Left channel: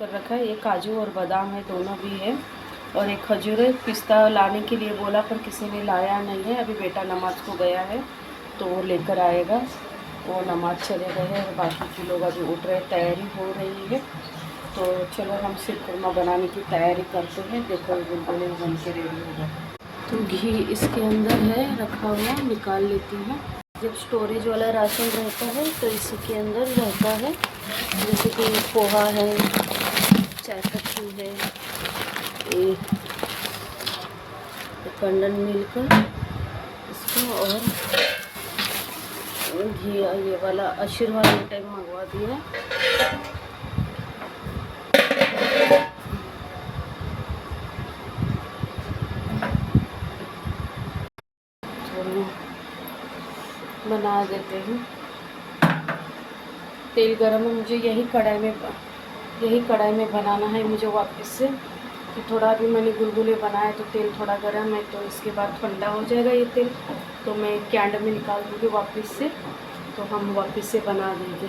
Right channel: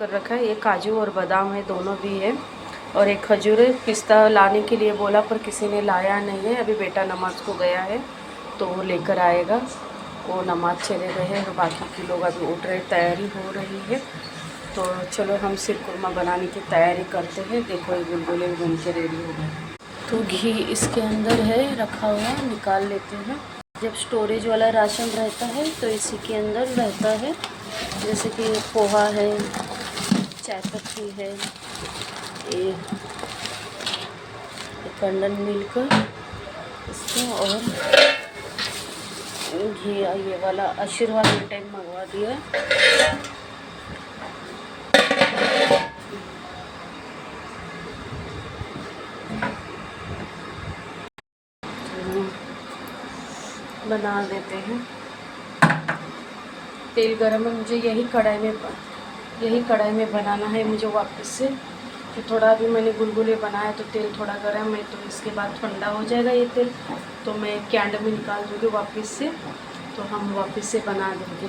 कर रखा है। ये काजू और बादाम है, दोनों भी है। और एक खजूर है। पिस्ता लाने के लिए बोला पर किसी ने लाया नहीं है। अभी बेटा नमाज को गया है तो वो लेकर आएगा। वो नमाज चले गए हैं और बाकी के लोग अभी उठ रहे, तैयारी हो रही है। तो चलो हम शीर कुरमा बनाने की तैयारी करते हैं। देखो ये गुलगुले बन के रेडी हो गए। तो घी इसके अंदर है रखा हुआ, निकाल लेते हैं। जब स्टोरेज वाला राशन रहता है तो इसी के अंदर रहता है। जैसे कि पोहा है, चाय पत्ती है, ये कंडन मिल्क इसको, और घी ये वाला आशीर्वाद मिठाई मंगवा दिया। बना देते हैं। तेल गरम है, मुझे यही कढ़ाई में बनाना है मुझे वापस से। तो थोड़ा भी मैंने गुलगुले बनाया तो तेल थोड़ा गर्म है, तो इसके बाद ठंडा हो जाएगा ये तेल, तो मैं कैंड में निकाल दूँगी वापस से। तो हम वापस से बना देंगे।